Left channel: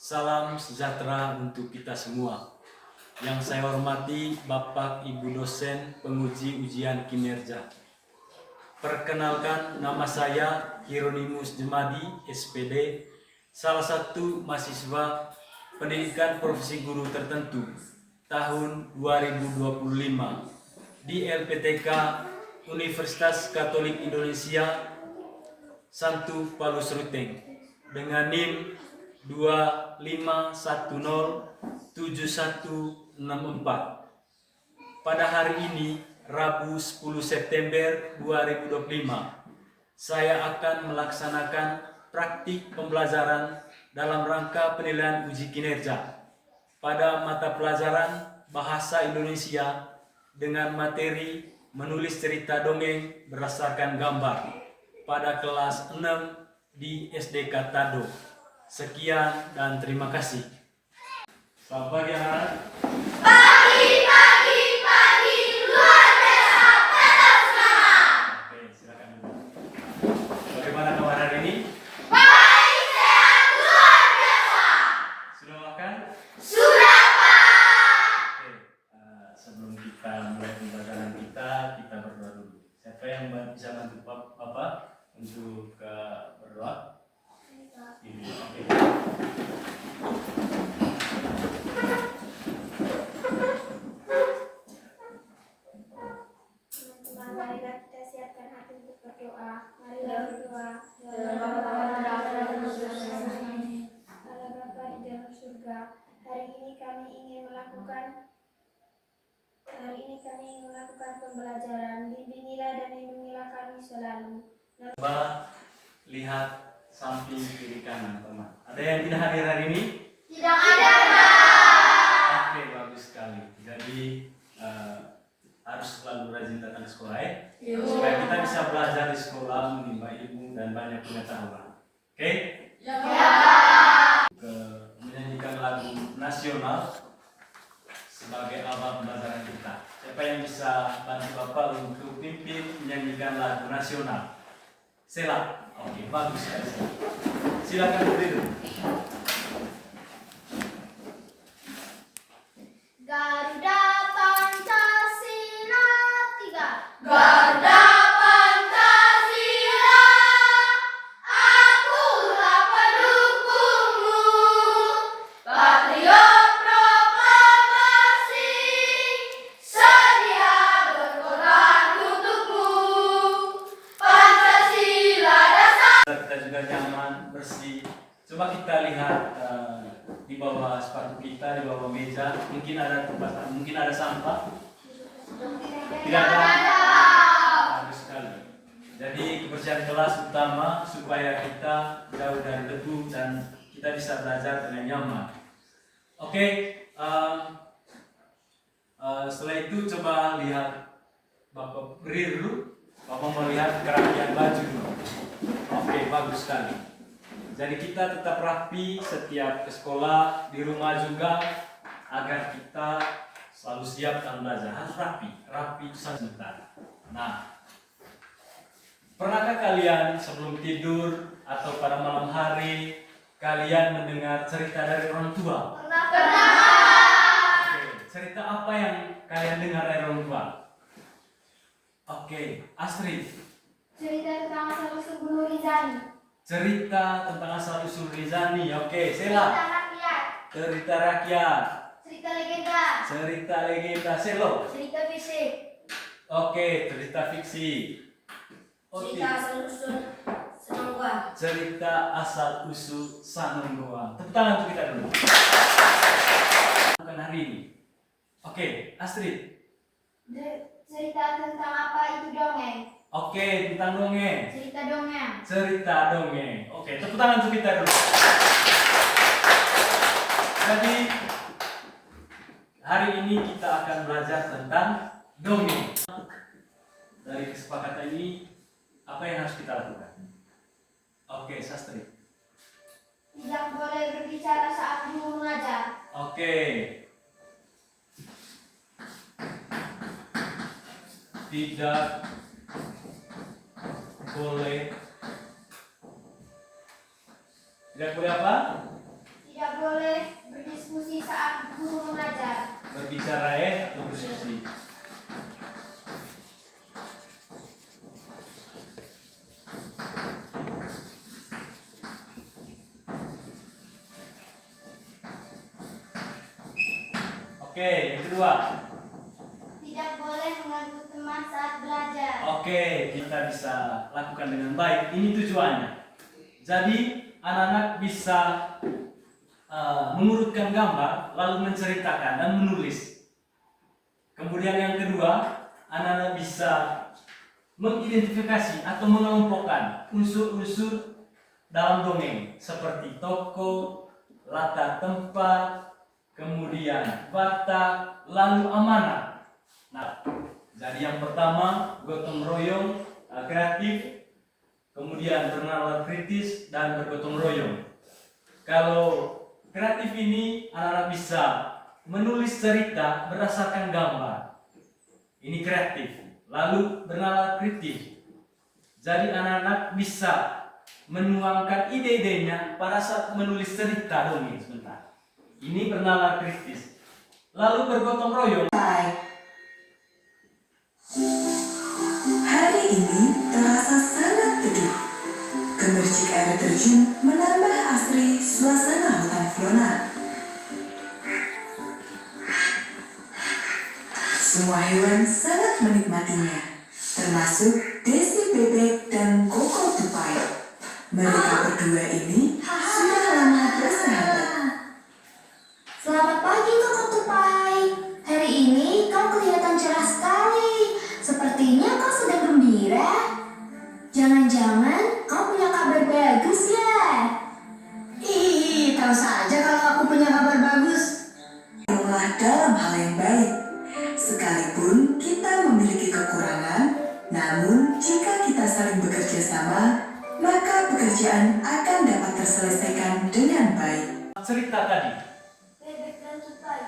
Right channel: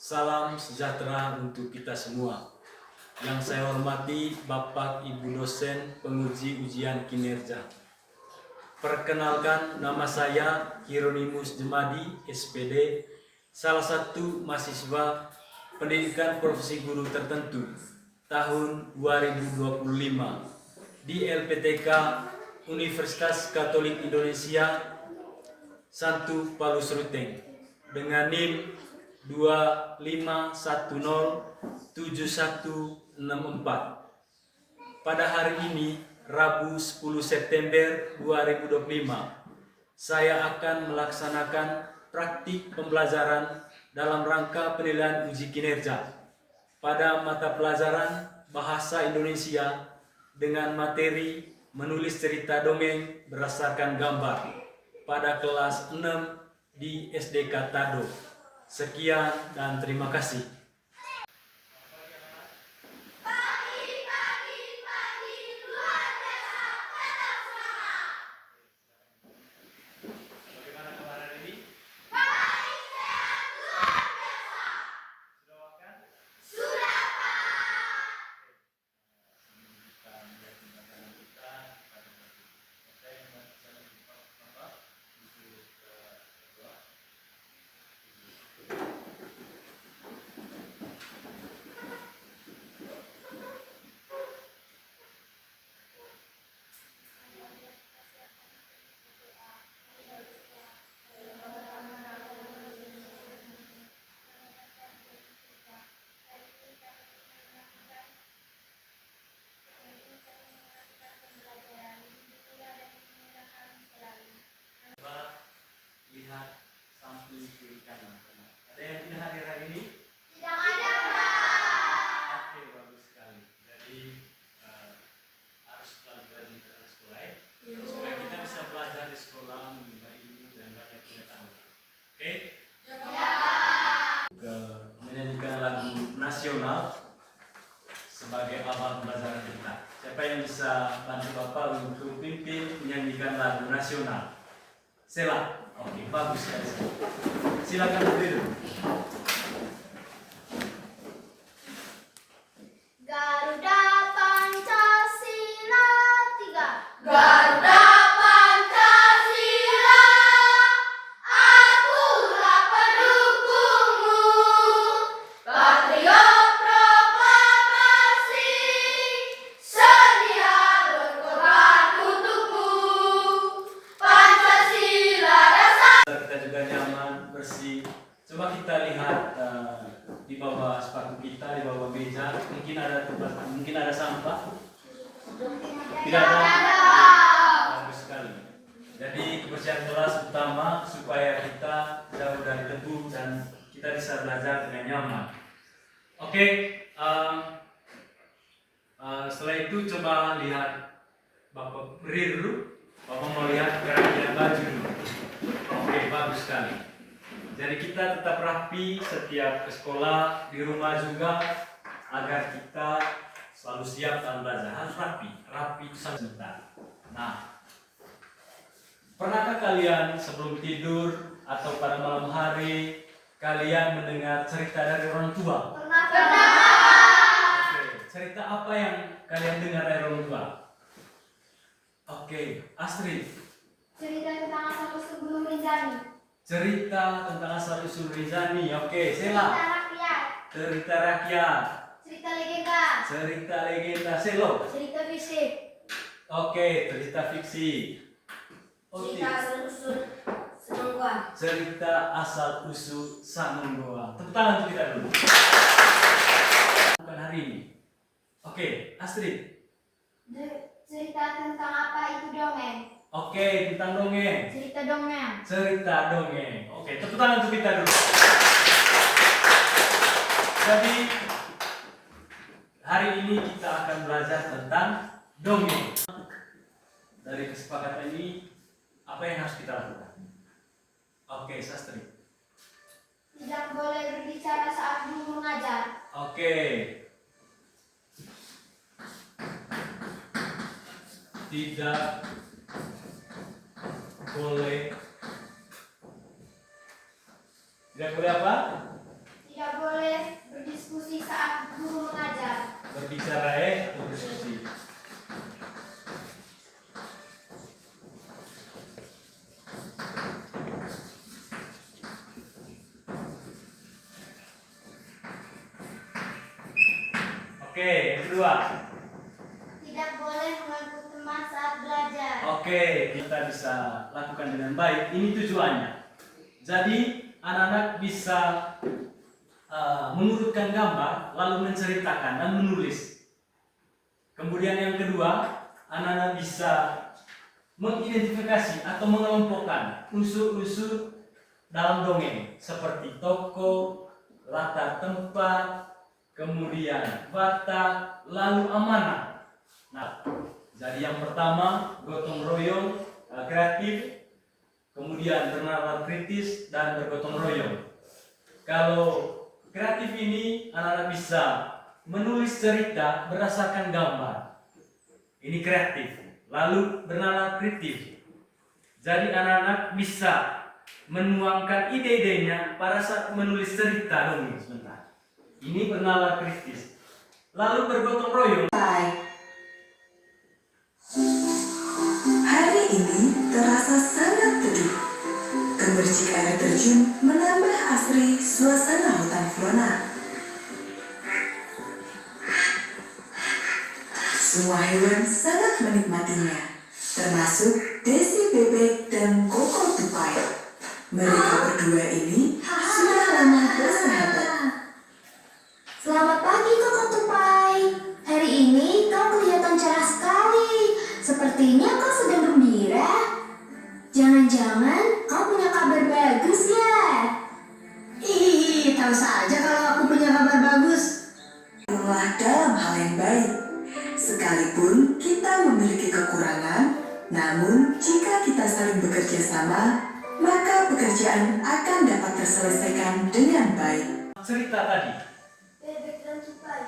Salam sejahtera untuk kita semua. Yang saya hormati Bapak Ibu dosen penguji ujian kinerja. Perkenalkan, nama saya Hieronimus Jemadi, SPD, salah satu mahasiswa pendidikan profesi guru tertentu tahun 2025 di LPTK Universitas Katolik Indonesia Santu Palus Ruteng dengan NIM 25107164. Pada hari ini, Rabu 10 September 2025, saya akan melaksanakan praktik pembelajaran dalam rangka penilaian uji kinerja pada mata pelajaran Bahasa Indonesia dengan materi menulis cerita dongeng berdasarkan gambar pada kelas 6 di SDK Tado. Sekian dan terima kasih. Selamat pagi anak. Pagi, luar biasa, tetap semangat. Oke, silakan dulu. Bagaimana kabar hari ini? Baik, sehat, luar biasa. Sudah makan? Sudah, Pak. Oke, sebelum kita mulai pembelajaran kita berdoa dulu. Siapa yang bisa bantu Bapak untuk berdoa? Ini, oke. Mari kita siapkan hati untuk berdoa. Mari berdoa. Kalau dapat dalam surga, hari ini kami ingin melakukan pembelajaran. Bimbingilah dan lindungilah kami selalu. Coba lihat samping kiri kanan, teman. Ada yang tidak hadir hari ini? Tidak ada, Pak. Oke, bagus sekali. Jadi harus selalu rajin datang ke sekolah ya, supaya kita bisa belajar di sekolah, menimba ilmu dan banyak pengetahuan. Oke? Ya. Menyanyikan lagu nasional sebagai awal pembelajaran kita. Siapa yang bisa bantu Bapak untuk pimpin menyanyikan lagu nasional? Sela. Oke, bagus sekali. Silakan berdiri. Garuda Pancasila 3. Garuda Pancasila, akulah pendukungmu. Patriot proklamasi, sedia berkorban untukmu. Pancasila dasar. Kita juga nyaman, bersih. Coba kita lihat di bawah sepatu kita, di bawah meja, mungkin ada tempat, mungkin ada sampah. Tidak ada. Bagus sekali. Jadi kebersihan kelas utama supaya kita jauh dari debu dan kita bisa belajar dengan nyaman. Oke, setelah itu coba lihat Bapak beri dulu. Bapak mau lihat kerapian baju dulu. Oke, bagus sekali. Jadi kita tetap rapi setiap ke sekolah, di rumah juga, agar kita selalu siap dalam belajar. Harus rapi itu sebentar. Nah, pernahkah kalian sebelum tidur atau pada malam hari kalian mendengar cerita dari orang tua? Oke, cerita apa yang kalian dengar dari orang tua? Oke, Astrid. Cerita tentang asal-usul Guru Rizani. Cerita tentang asal-usul Rizani. Oke, Sela. Cerita rakyat. Cerita legenda. Selo. Cerita fisik. Oke, cerita fiksi. Oke. asal-usul Senonggoa. Cerita asal-usul Sanonggoa. Tepuk tangan untuk kita dulu. Bukan hari ini. Oke, Astrid. Cerita tentang apa itu dongeng? Oke, tentang dongeng. Cerita dongeng. Cerita dongeng. Oke, tepuk tangan untuk kita dulu. Jadi hari ini kita akan belajar tentang dongeng. Dari kesepakatan ini, apa yang harus kita lakukan? Oke, Sastri. Tidak boleh berbicara saat guru mengajar. Oke. Tidak boleh apa? Tidak boleh berbicara atau berdiskusi. Oke, yang kedua. Tidak boleh mengganggu teman saat belajar. Oke, kita bisa lakukan dengan baik. Ini tujuannya. Jadi anak-anak bisa mengurutkan gambar, lalu menceritakan dan menulis. Kemudian yang kedua, anak-anak bisa mengidentifikasi atau mengelompokkan unsur-unsur dalam dongeng seperti tokoh, latar tempat, kemudian watak, lalu amanah. Nah, jadi yang pertama gotong royong kreatif, kemudian bernalar kritis dan bergotong royong. Kalau kreatif ini anak-anak bisa menulis cerita berdasarkan gambar. Ini kreatif. Lalu bernalar kritis. Jadi anak-anak bisa menuangkan ide-idenya pada saat menulis cerita dongeng sebentar. Ini bernalar kritis. Lalu bergotong royong. Hari ini terasa sangat teduh. Gemercik air terjun menambah asri suasana hutan flora. Semua hewan sangat menikmatinya, termasuk Desi Bebek dan Koko Tupai. Mereka berdua ini sudah lama bersahabat. Selamat pagi Koko Tupai. Hari ini kau kelihatan cerah sekali. Sepertinya kau sedang gembira. Jangan-jangan kau punya kabar bagus ya? Ih, tahu saja kalau aku punya kabar bagus. Rumah dalam hal yang baik. Sekalipun kita memiliki kekurangan, namun jika kita saling bekerja sama, maka pekerjaan akan dapat terselesaikan dengan baik. Cerita tadi. Bebek dan tupai.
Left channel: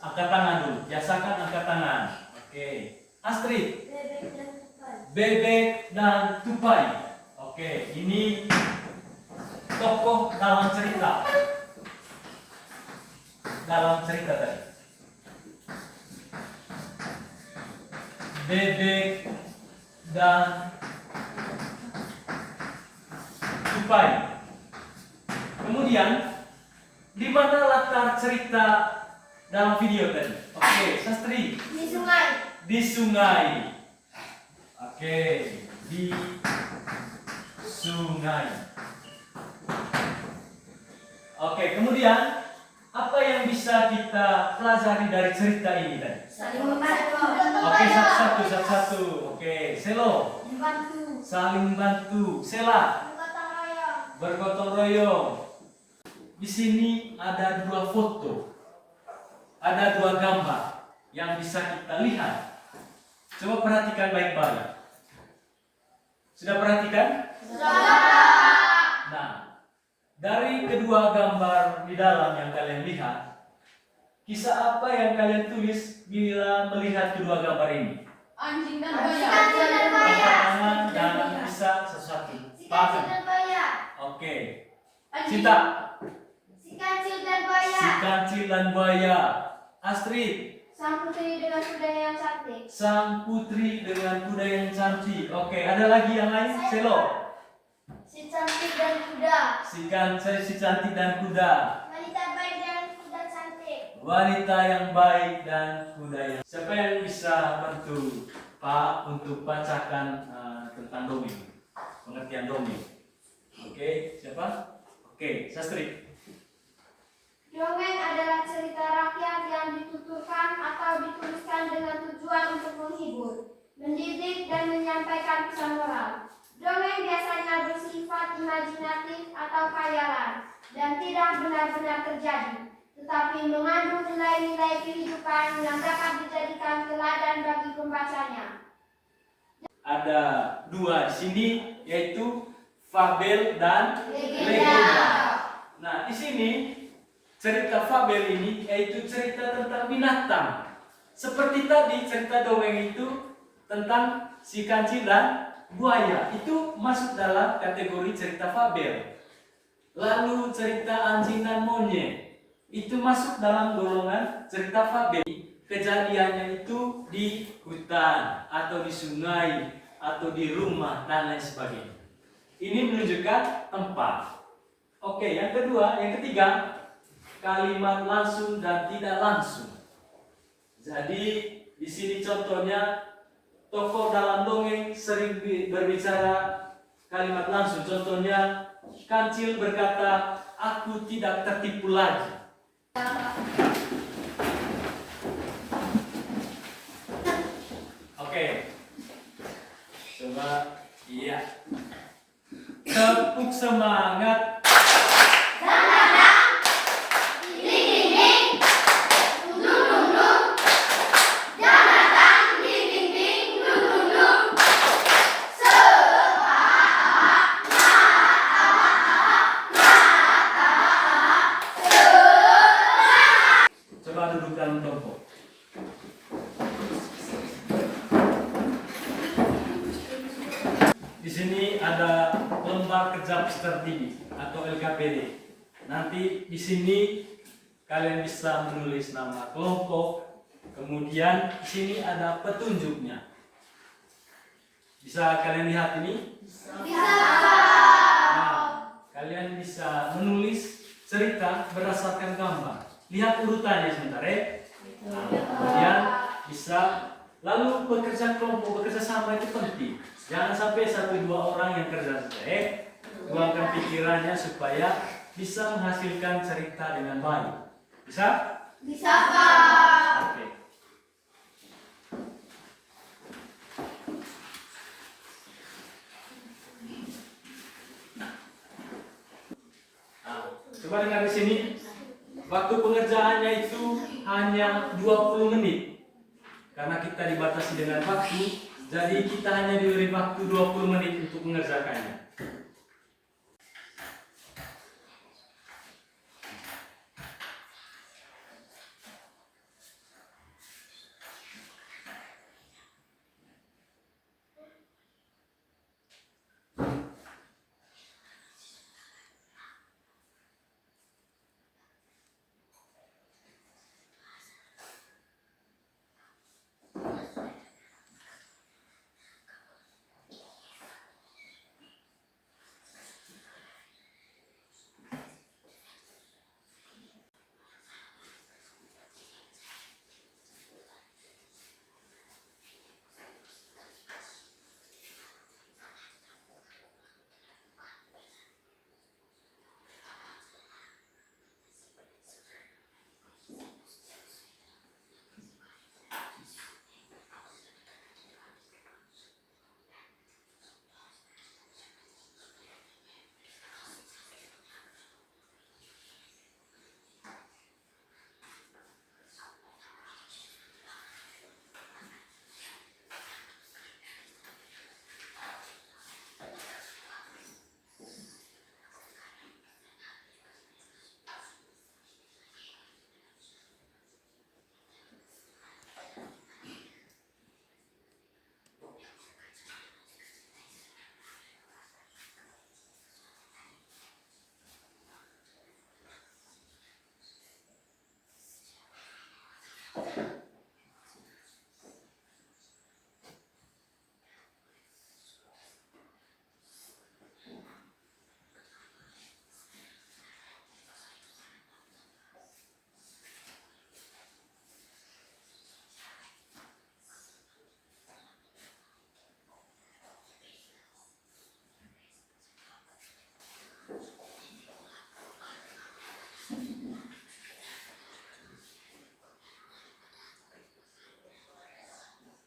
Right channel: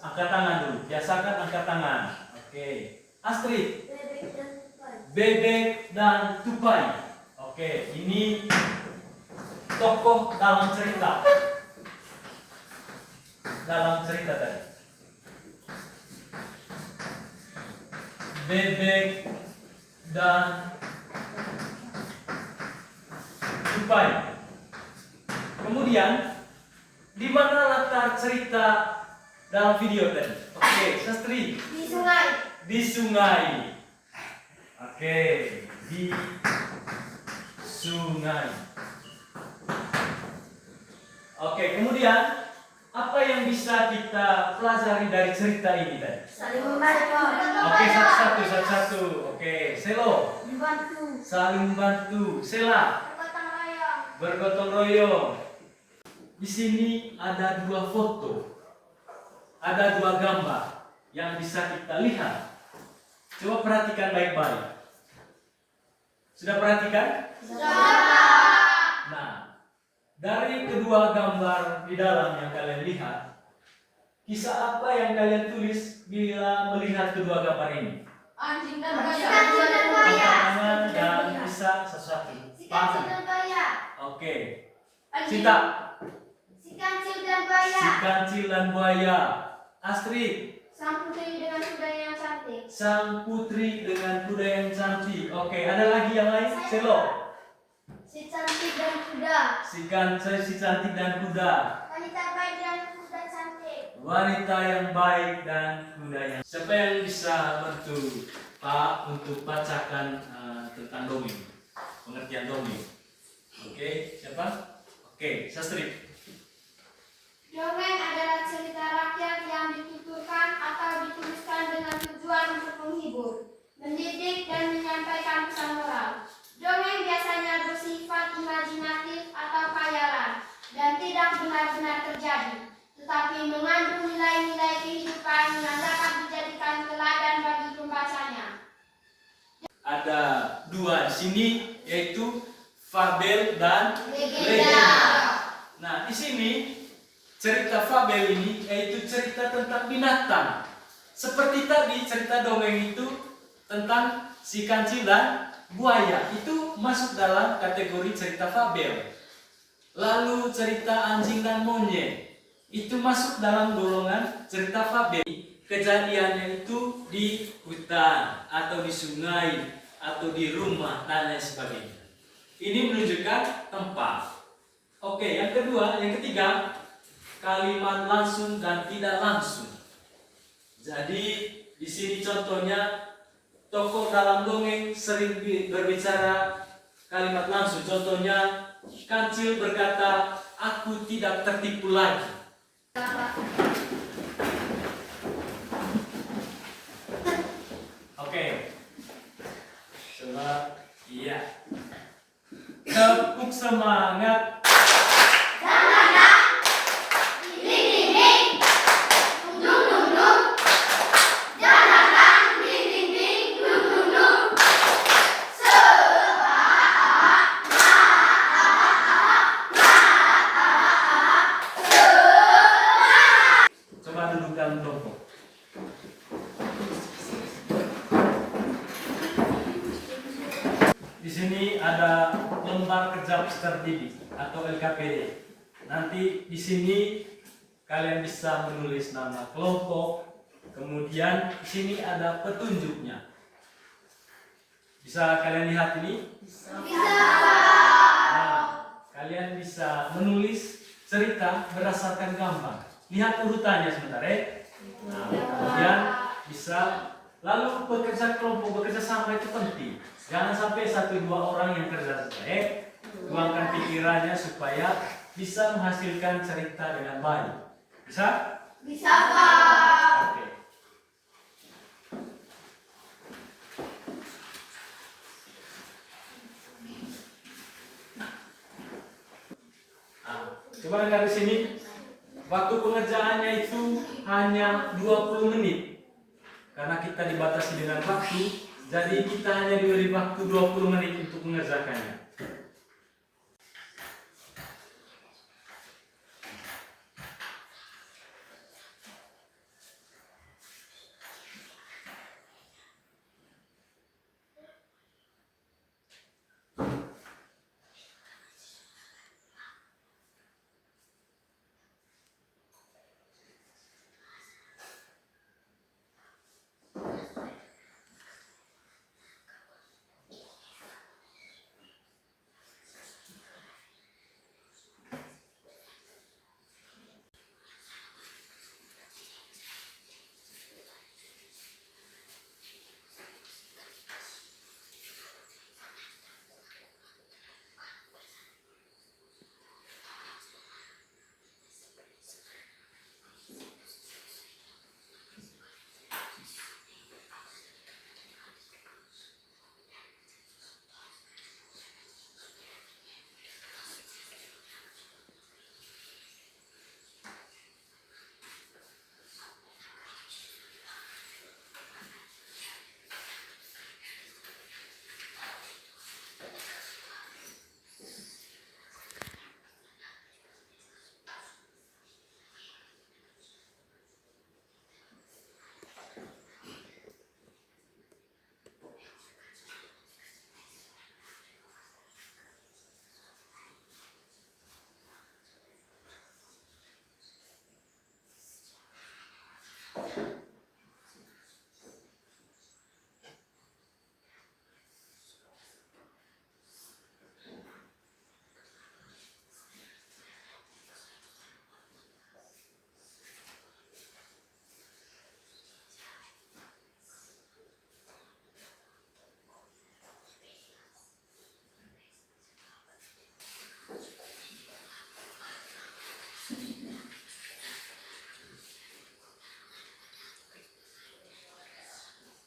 Angkat tangan dulu. Biasakan angkat tangan. Oke. Astrid. Bebek dan tupai. Bebek dan tupai. Oke, ini tokoh dalam cerita. Dalam cerita tadi. Bebek dan tupai. Kemudian, di mana latar cerita dalam video tadi? Oke, Sastri. Di sungai. Di sungai. Oke, di sungai. Oke, kemudian apa yang bisa kita pelajari dari cerita ini tadi? Saling membantu. Oke, satu-satu. Oke, Selo. Membantu. Saling membantu. Sela. Bergotong royong. Bergotong royong. Di sini ada dua foto. Ada dua gambar yang bisa kita lihat. Coba perhatikan baik-baik. Sudah perhatikan? Nah, dari kedua gambar di dalam yang kalian lihat, kisah apa yang kalian tulis bila melihat kedua gambar ini? Anjing dan Angkat tangan dan bisa sesuatu. Si kancil Paham? dan buaya. Oke. Cinta. Si kancil dan buaya. Si kancil dan buaya. Astrid. Sang putri dengan kuda yang cantik. Sang putri dengan kuda yang cantik. Oke, ada lagi yang lain? Selo. Si cantik dan kuda. Si cantik dan kuda. Wanita baik dan kuda cantik. Wanita yang baik dan kuda yang. Siapa yang bisa bantu Pak untuk bacakan tentang dongeng, pengertian dongeng? Oke, siapa? Oke, Sastri. Dongeng adalah cerita rakyat yang dituturkan atau dituliskan dengan tujuan untuk menghibur, mendidik, dan menyampaikan pesan moral. Dongeng biasanya bersifat imajinatif atau khayalan dan tidak benar-benar terjadi, tetapi mengandung nilai-nilai kehidupan yang dapat dijadikan teladan bagi pembacanya. Ada dua di sini, yaitu fabel dan Legenda. Nah, di sini cerita fabel ini yaitu cerita tentang binatang. Seperti tadi cerita dongeng itu tentang si kancil dan buaya, itu masuk dalam kategori cerita fabel. Lalu cerita anjing dan monyet itu masuk dalam golongan cerita fabel. kejadiannya itu di hutan atau di sungai atau di rumah dan lain sebagainya. Ini menunjukkan tempat. Oke, yang ketiga, kalimat langsung dan tidak langsung. Jadi di sini contohnya tokoh dalam dongeng sering berbicara kalimat langsung. Contohnya Kancil berkata, "Aku tidak tertipu lagi." Oke. Coba iya. Tepuk semangat. Coba duduk dalam kelompok. Di sini ada lembar kerja Peserta Didik atau LKPD. Nanti di sini kalian bisa menulis nama kelompok. Kemudian di sini ada petunjuknya. Bisa kalian lihat ini? Bisa. Nah, kalian bisa menulis cerita berdasarkan gambar. Lihat urutannya sebentar ya. Nah, kemudian bisa lalu bekerja kelompok, bekerja sama itu penting. Jangan sampai 1-2 orang yang kerja saja. Tuangkan pikirannya supaya bisa menghasilkan cerita dengan baik. Bisa? Bisa, Pak. Oke. Nah, coba dengar di sini. Waktu pengerjaannya itu hanya 20 menit. Karena kita dibatasi dengan waktu, jadi kita hanya diberi waktu 20 menit untuk mengerjakannya.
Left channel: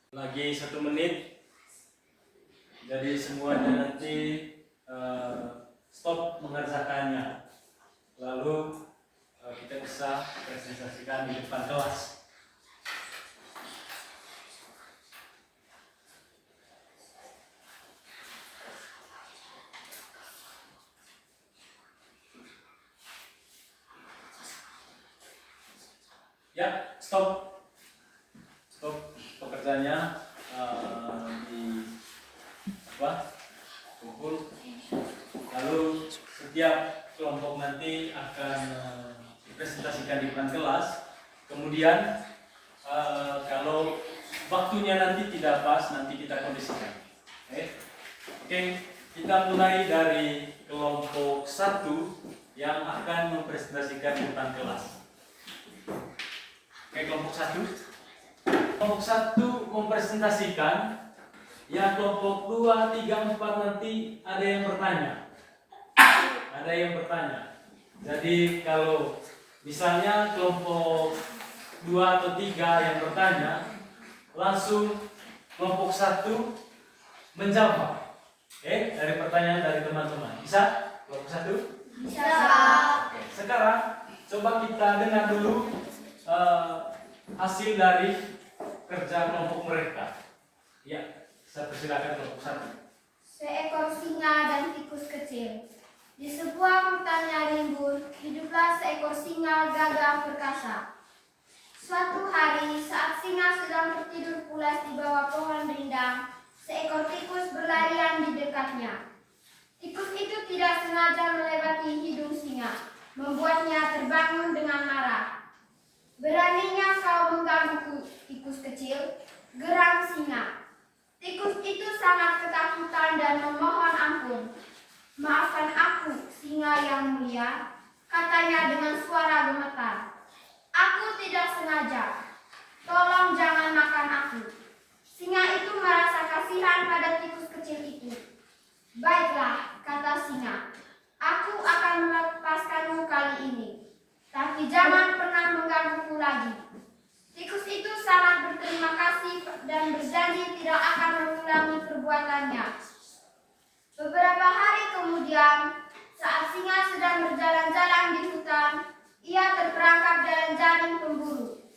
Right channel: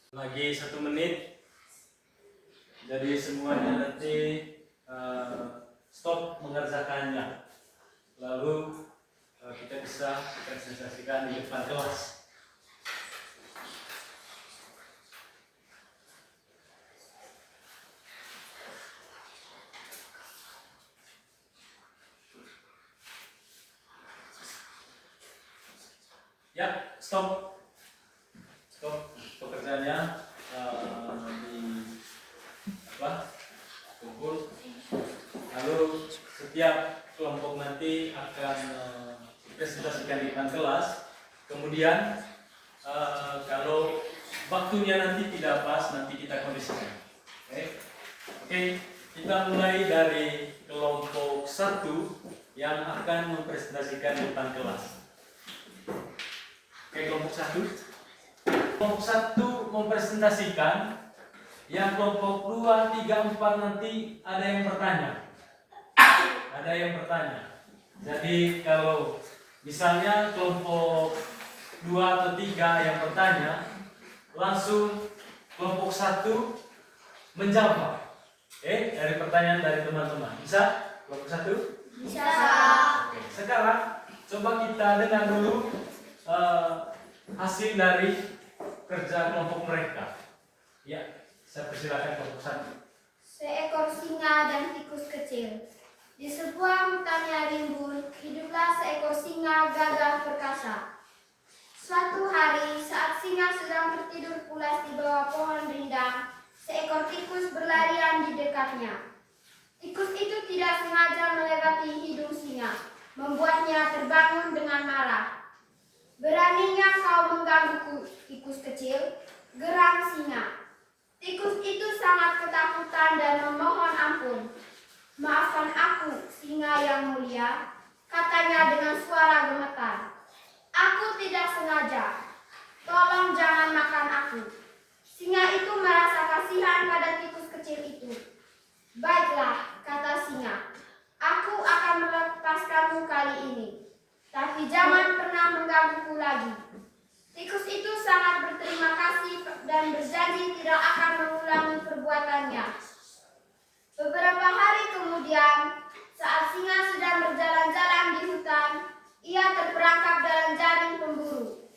Lagi 1 menit. Jadi semuanya nanti stop mengerjakannya. Lalu kita bisa presentasikan di depan kelas. Ya, stop. Stop pekerjaannya kumpul. Lalu setiap kelompok nanti akan dipresentasikan di depan kelas. Kemudian Kalau waktunya nanti tidak pas, nanti kita kondisikan. Oke, kita mulai dari kelompok 1 yang akan mempresentasikan di depan kelas. Oke, kelompok 1. Kelompok 1 mempresentasikan, yang kelompok 2, 3, 4 nanti ada yang bertanya. Ada yang bertanya. Jadi kalau misalnya kelompok 2 atau 3 yang bertanya, langsung kelompok 1 menjawab. Dari pertanyaan dari teman-teman. Bisa? Kelompok 1? Bisa. Oke, sekarang coba kita dengar dulu hasil dari kerja kelompok mereka. Ya, saya persilakan kelompok 1. Seekor singa dan tikus kecil. Di sebuah hutan yang rimbun, hiduplah seekor singa gagah perkasa. Suatu hari, saat singa sedang tertidur pulas di bawah pohon rindang, seekor tikus berlarian di dekatnya. Tikus itu tidak sengaja melewati hidung singa, membuatnya terbangun dengan marah. "Beraninya kau menggangguku, tikus kecil," geram singa. Tikus itu sangat ketakutan dan memohon ampun. "Maafkan aku, singa yang mulia," katanya dengan suara gemetar. "Aku tidak sengaja. Tolong jangan makan aku." Singa itu merasa kasihan pada tikus kecil itu. "Baiklah," kata singa. "Aku akan melepaskanmu kali ini. Tapi jangan pernah menggangguku lagi." Tikus itu sangat berterima kasih dan berjanji tidak akan mengulangi perbuatannya. Beberapa hari kemudian, saat singa sedang berjalan-jalan di hutan, ia terperangkap dalam jaring pemburu.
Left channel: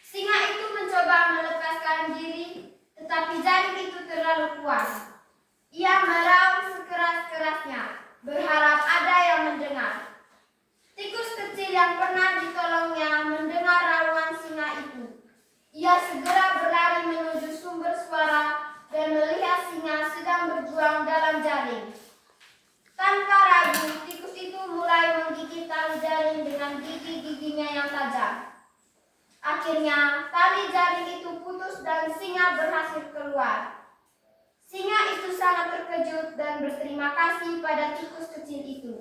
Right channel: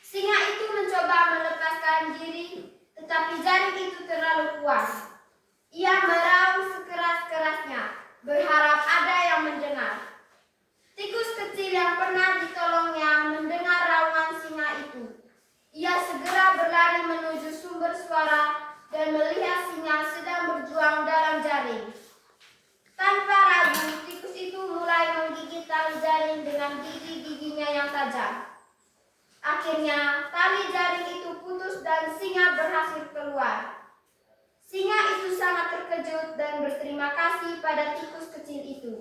Singa itu mencoba melepaskan diri, tetapi jaring itu terlalu kuat. Ia meraung sekeras-kerasnya, berharap ada yang mendengar. Tikus kecil yang pernah ditolongnya mendengar raungan singa itu. Ia segera berlari menuju sumber suara dan melihat singa sedang berjuang dalam jaring. Tanpa ragu, tikus itu mulai menggigit tali jaring dengan gigi-giginya yang tajam. Akhirnya, tali jaring itu putus dan singa berhasil keluar. Singa itu sangat terkejut dan berterima kasih pada tikus kecil itu.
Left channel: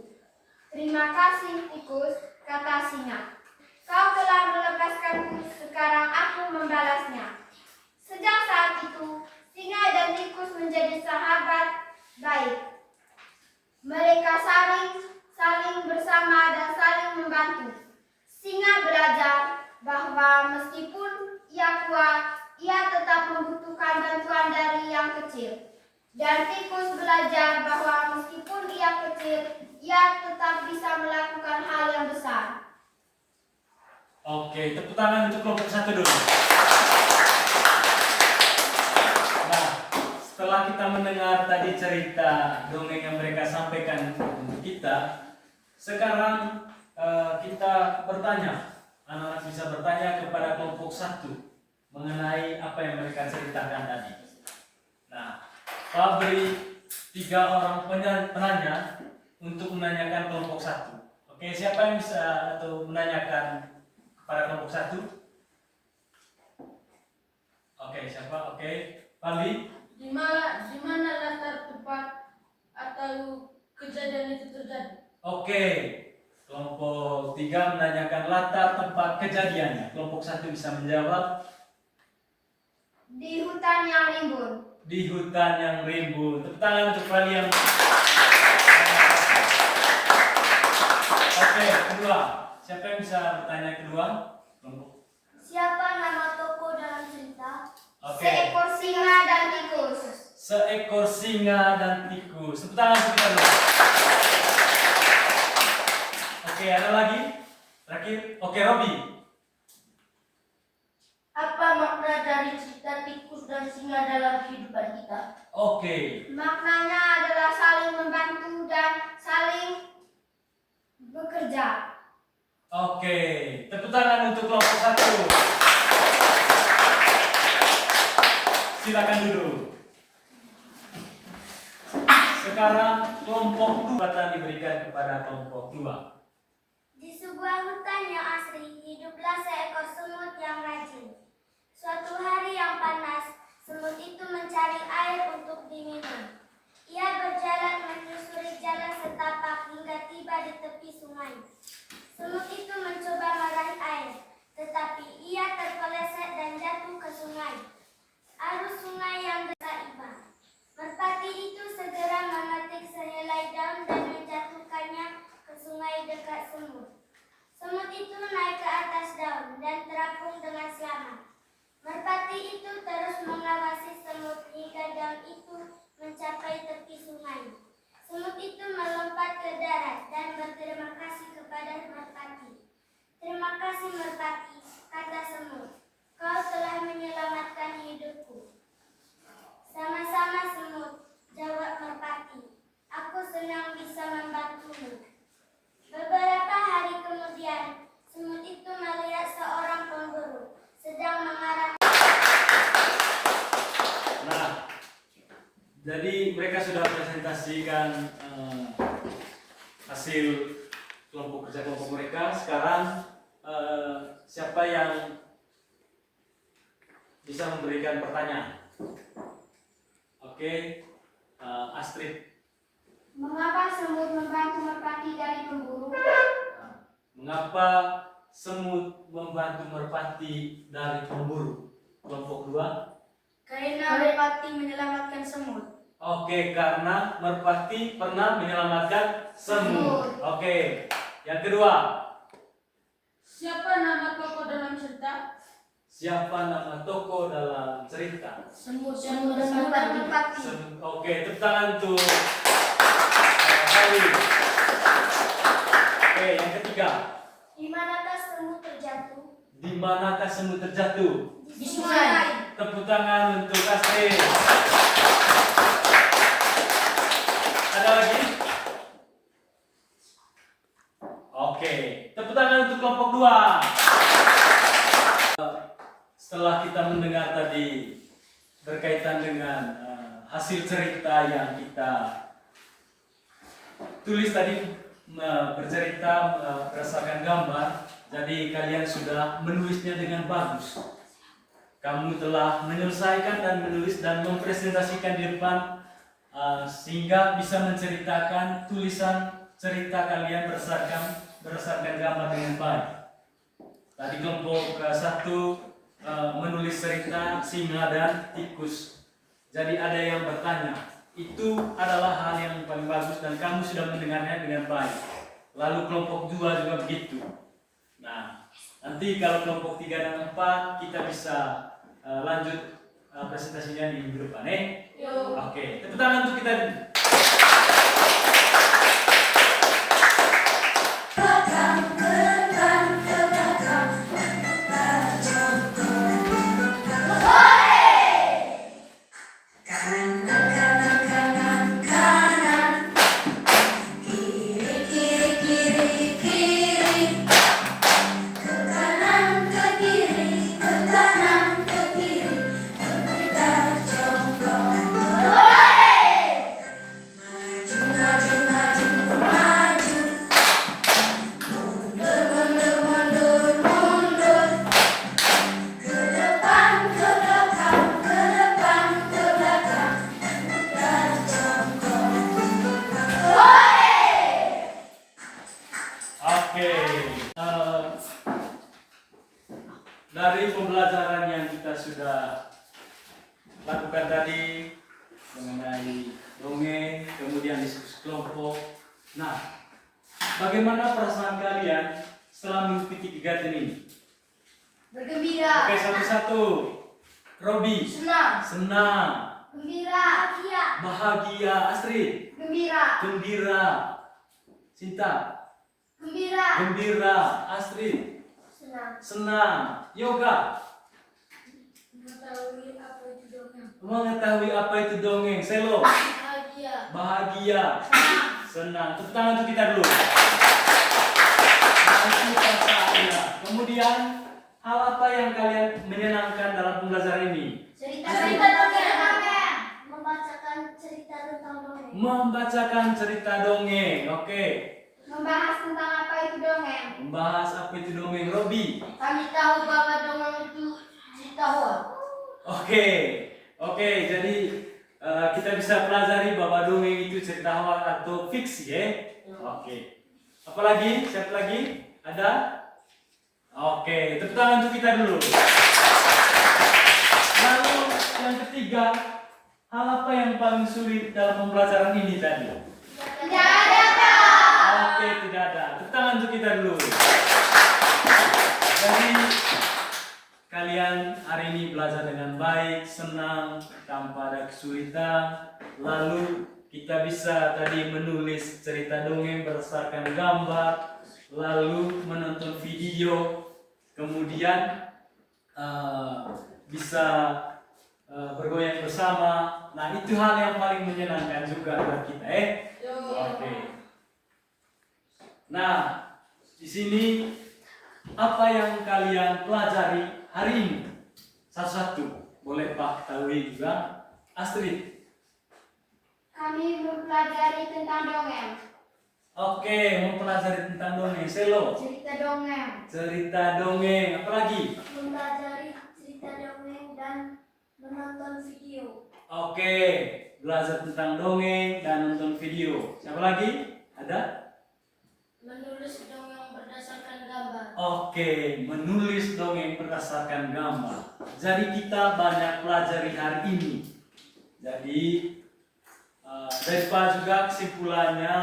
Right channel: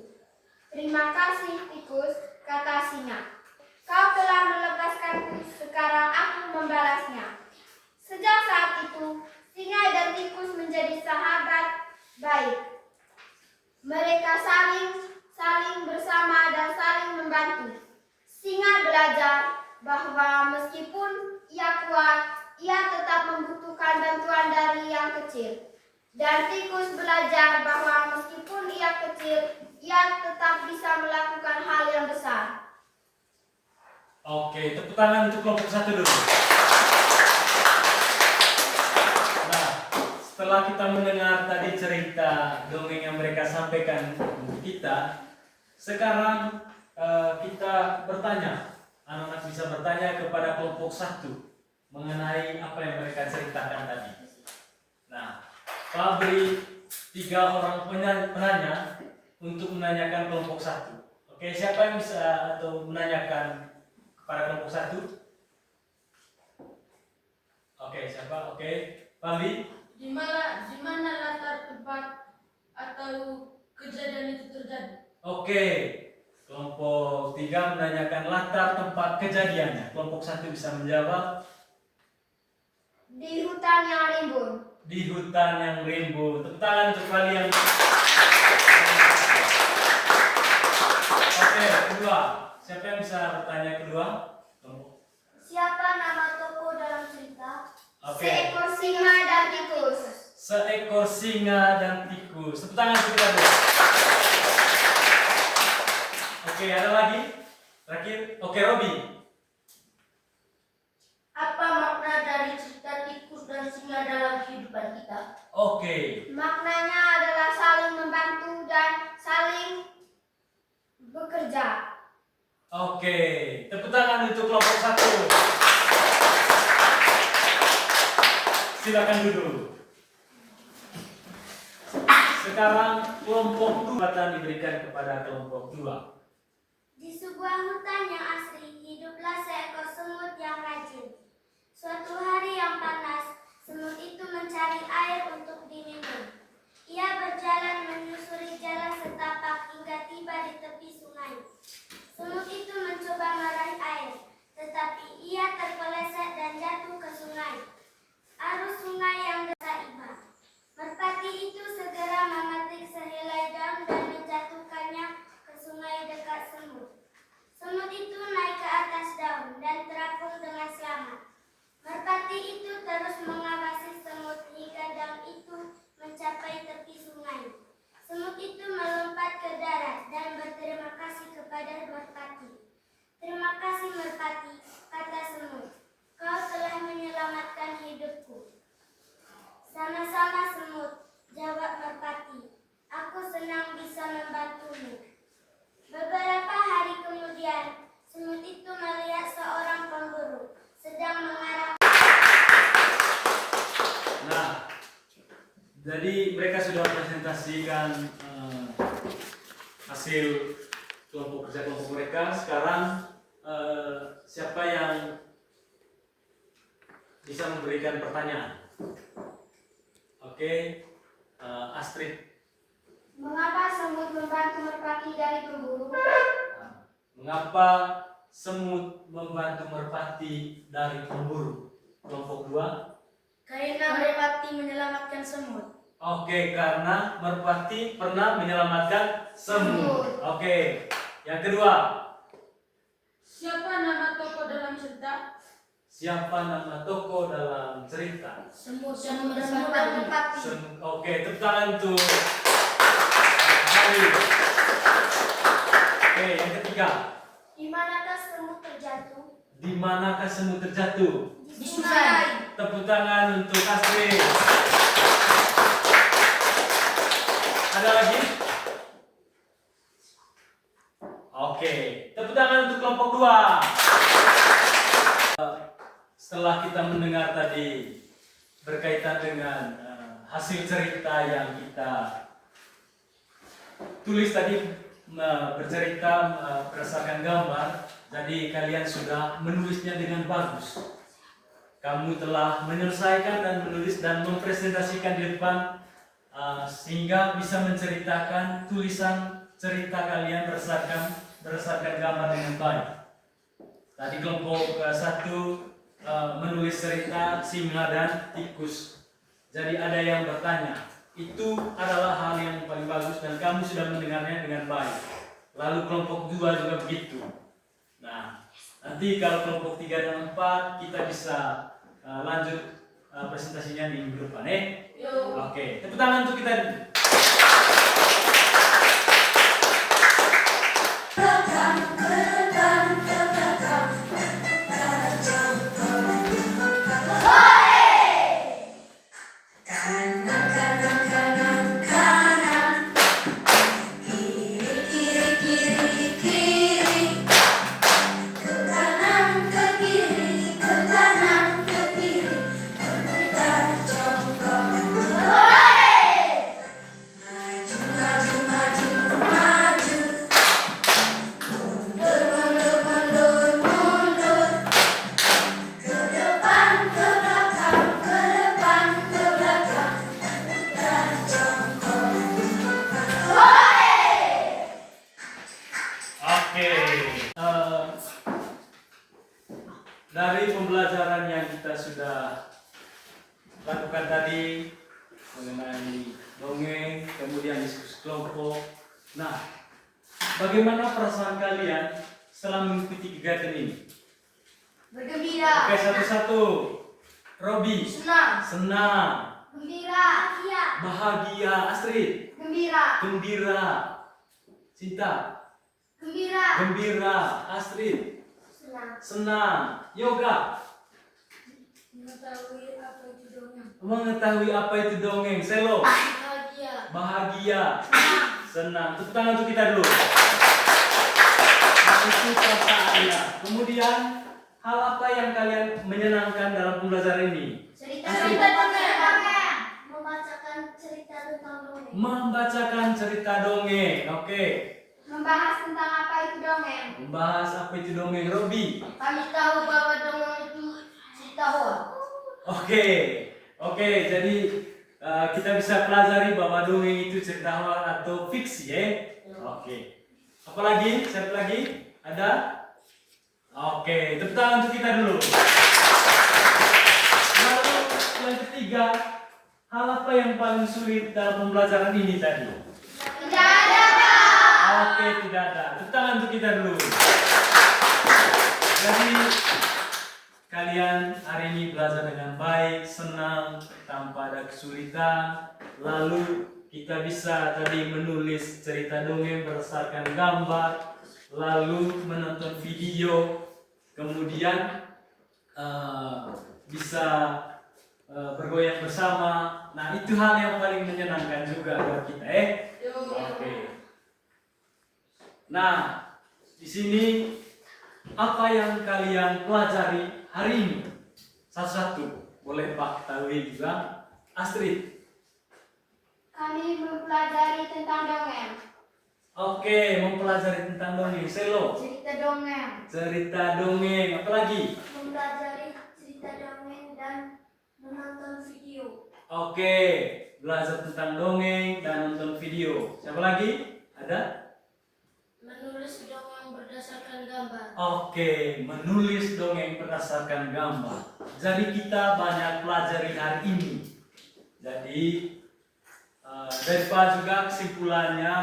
"Terima kasih, tikus," kata singa. "Kau telah melepaskanku, sekarang aku membalasnya." Sejak saat itu, singa dan tikus menjadi sahabat baik. Mereka saling bersama dan saling membantu. Singa belajar bahwa meskipun ia kuat, ia tetap membutuhkan bantuan dari yang kecil. Dan tikus belajar bahwa meskipun ia kecil, ia tetap bisa melakukan hal yang besar. Oke, tepuk tangan untuk kelompok 1 dulu. Nah, setelah kita mendengar tadi cerita dongeng yang mereka sampaikan untuk kita, sekarang kita bertanya, anak-anak bisa bertanya kepada kelompok 1 mengenai apa yang mereka ceritakan tadi. Nah, Pak beri 3 orang penanya untuk menanyakan kelompok 1. Oke, siapa yang bisa atau menanyakan kepada kelompok 1? Oke, siapa? Oke, Pali. Di mana latar tempat atau kejadian itu terjadi? Oke, kelompok 3 menanyakan latar tempat kejadiannya. Kelompok 1 bisa menjawab. Di hutan yang rimbun. Di hutan yang rimbun. Tepuk tangan untuk kalian. Oke, kedua. Siapa yang bisa bertanya kedua? Kelompok. Siapa nama tokoh dalam cerita? Oke. Seekor singa dan tikus. Seekor singa dan tikus. Tepuk tangan untuk kita dulu. Oke, ada lagi? Terakhir. Oke, Robi. Apa makna dari cerita tikus dan singa dalam kehidupan kita? Oke. Maknanya adalah saling membantu dan saling bekerja. Oke, tepuk tangan untuk kelompok 1. Silakan duduk. Sekarang kelompok 2 akan diberikan kepada kelompok 2. Di sebuah hutan yang asri, hiduplah seekor semut yang rajin. dan terapung dengan selamat. Merpati itu terus mengawasi semut hingga daun itu mencapai tepi sungai. Semut itu melompat ke darat dan berterima kasih kepada merpati. "Terima kasih merpati," kata semut. "Kau telah menyelamatkan hidupku." "Sama-sama semut," jawab merpati. "Aku senang bisa membantumu." Beberapa hari kemudian, semut itu melihat seorang pemburu sedang mengarah. Nah, jadi mereka sudah presentasikan hasil kelompok kerja kelompok mereka. Sekarang siapa yang bisa memberikan pertanyaan? Oke, Astrid. Mengapa semut membantu merpati dari pemburu? Mengapa semut membantu merpati dari pemburu? Kelompok 2. Karena merpati menyelamatkan semut. Oke, karena merpati pernah menyelamatkan semut. Oke, yang kedua. Siapa nama tokoh dalam cerita? Siapa nama tokoh dalam cerita? Semut dan merpati. Oke, tepuk tangan untuk Hari. Oke, yang ketiga. Di manakah semut terjatuh? Di manakah semut terjatuh? Di sungai. Tepuk tangan untuk Astrid. Ada lagi? Oke, tepuk tangan untuk kelompok 2. Setelah kita mendengar tadi berkaitan dengan hasil cerita yang kita tulis tadi, bercerita berdasarkan gambar, jadi kalian sudah menulisnya dengan bagus. Kamu telah menyelesaikan dan menulis dan mempresentasikan di depan sehingga bisa menceritakan tulisan cerita kalian berdasarkan gambar dengan baik. Tadi kelompok 1 menulis cerita singa dan tikus. Jadi ada yang bertanya, itu adalah hal yang paling bagus dan kamu sudah mendengarnya dengan baik. Lalu kelompok 2 juga begitu. Nah, nanti kalau kelompok 3 dan 4 kita bisa lanjut presentasinya di minggu depan. Oke, tepuk tangan untuk kita. Oke, dari pembelajaran yang kita sudah lakukan tadi mengenai dongeng, kemudian diskusi kelompok. Nah, bagaimana perasaan kalian setelah mengikuti kegiatan ini? Bergembira. Oke, satu-satu. Robi. Senang. Gembira. Bahagia. Astrid. Gembira. Gembira. Cinta. Gembira. Gembira. Astrid. Senang. Yoga. Mengetahui apa itu dongeng. Mengetahui apa itu dongeng. Selo. Bahagia. Senang. Tepuk tangan untuk kita dulu. Nah, itu perasaannya. Kemudian, hal apa yang kalian menyenangkan dalam pembelajaran ini? Cerita dongeng. Membacakan cerita tentang dongeng. Membacakan cerita dongeng. Oke. Membahas tentang apa itu dongeng. Membahas apa itu dongeng. Robi. Kami tahu bahwa dongeng itu cerita hoax. Oke. Jadi kita bisa pelajari bahwa dongeng itu cerita hoax atau fiksi, ya. Oke. Apalagi? Siapa lagi? Ada? Oke. Tepuk tangan untuk kita dulu. Lalu yang ketiga, hal apa yang paling sulit dalam pembelajaran ini tadi? Tidak ada, Pak. Oke, tidak ada. Tepuk tangan untuk kita dulu. Jadi kalian hari ini belajar dengan baik, senang, tanpa ada kesulitan. Lalu kita bisa tadi menulis cerita dongeng berdasarkan gambar, lalu menonton video, kemudian bisa bergoyang bersama. Nah, itu hal yang paling menyenangkan juga buat kita, Oke. Nah, di sini apa yang kalian pelajari hari ini? Satu-satu, boleh Pak ketahui juga. Astrid. Kami mempelajari tentang dongeng. Oke, mempelajari tentang dongeng. Selo. Cerita dongeng. Cerita dongeng. Apa lagi? Mempelajari cerita dongeng dan menonton video. Oke, belajar tentang dongeng dan nonton video. Siapa lagi? Ada? Menulis dongeng berdasarkan gambar. Oke, menulis dongeng berdasarkan gambar. Jadi kita banyak pelajari hari ini. Jadi dari Pak juga kesimpulannya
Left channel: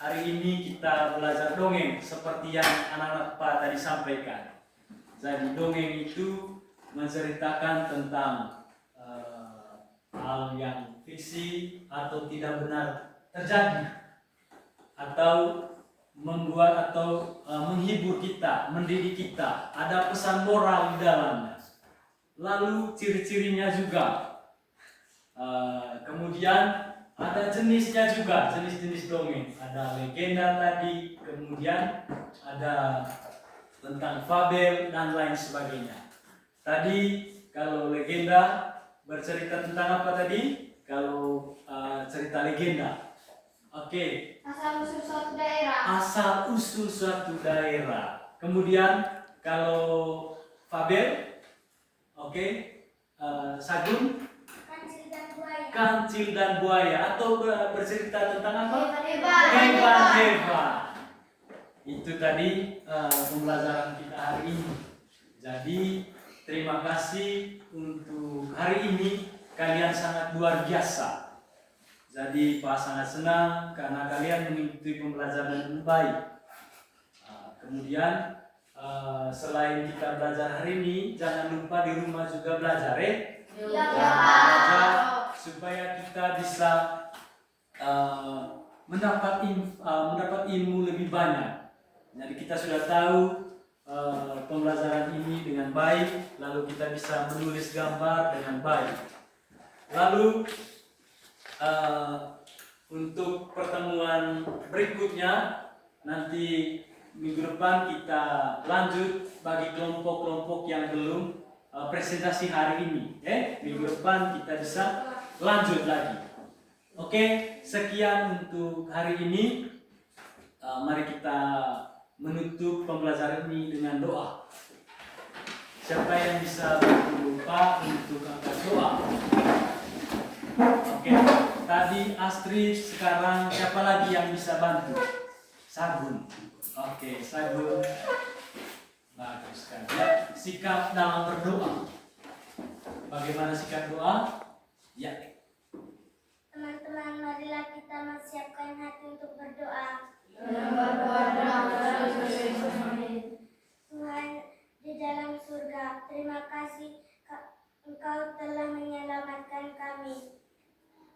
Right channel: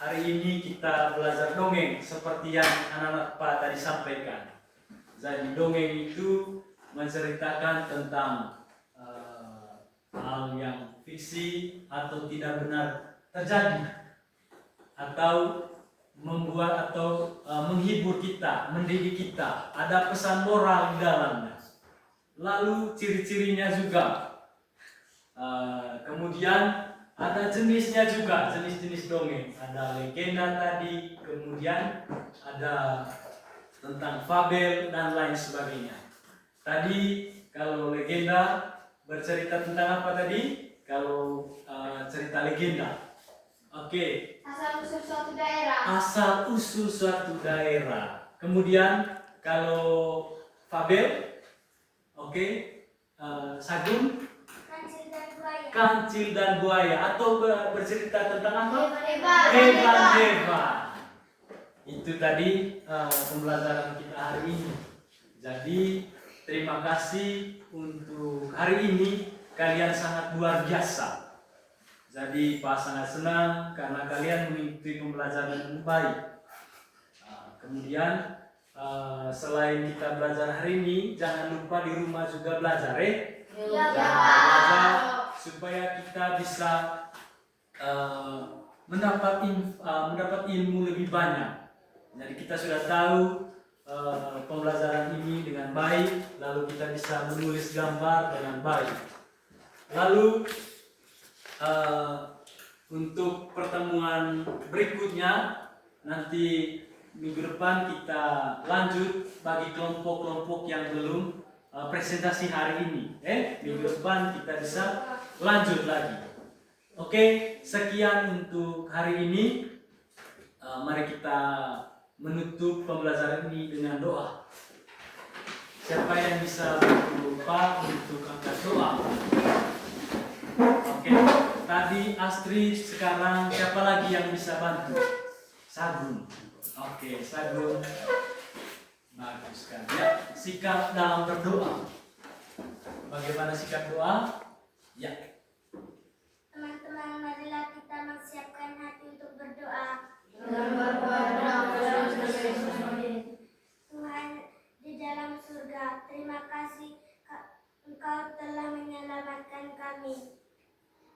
hari ini kita belajar dongeng seperti yang anak-anak Pak tadi sampaikan. Jadi dongeng itu menceritakan tentang hal yang fiksi atau tidak benar terjadi, atau membuat atau menghibur kita, mendidik kita, ada pesan moral di dalamnya. Lalu ciri-cirinya juga, kemudian ada jenisnya juga, jenis-jenis dongeng. Ada legenda tadi, kemudian ada tentang fabel dan lain sebagainya. Tadi kalau legenda bercerita tentang apa tadi? Kalau cerita legenda, oke. Asal usul suatu daerah. Asal usul suatu daerah. Kemudian kalau fabel, oke, Sagun, kancil dan buaya, atau bercerita tentang apa? Hebat. Itu tadi pembelajaran kita hari ini. Jadi terima kasih untuk hari ini, kalian sangat luar biasa. Jadi Pak sangat senang karena kalian mengikuti pembelajaran dengan baik. Kemudian selain kita belajar hari ini, jangan lupa di rumah juga belajar, belajar supaya kita bisa mendapat ilmu lebih banyak. Jadi kita sudah tahu pembelajaran ini dengan baik, lalu kita bisa menulis gambar dengan baik. Lalu untuk pertemuan berikutnya nanti minggu depan kita lanjut bagi kelompok-kelompok yang belum presentasi hari ini. Minggu depan kita bisa lanjut lagi. Oke, sekian untuk hari ini. Mari kita menutup pembelajaran ini dengan doa. Siapa yang bisa bantu Pak untuk angkat doa? Oke, tadi Astrid, sekarang siapa lagi yang bisa bantu? Sagun. Oke, Sagun. Bagus kan? Ya, sikap dalam berdoa. Bagaimana sikap doa? Ya. Teman-teman, marilah kita mempersiapkan hati untuk berdoa. Tuhan di dalam surga, terima kasih Engkau telah menyelamatkan kami.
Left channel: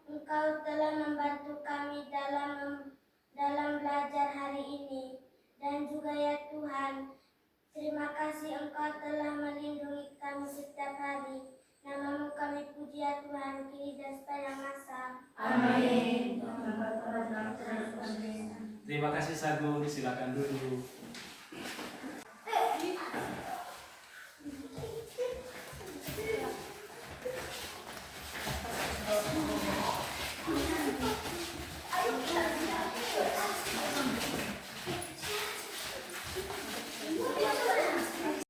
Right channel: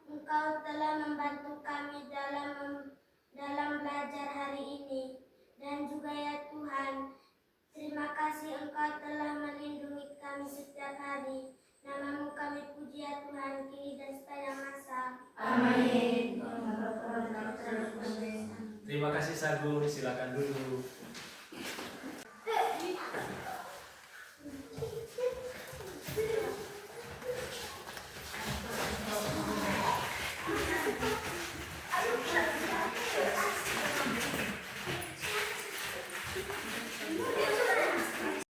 Engkau telah membantu kami dalam belajar hari ini. Dan juga ya Tuhan, terima kasih Engkau telah melindungi kami setiap hari. Namamu kami puji ya Tuhan, kini dan sepanjang masa. Amin. Terima kasih Sagun, silakan duduk.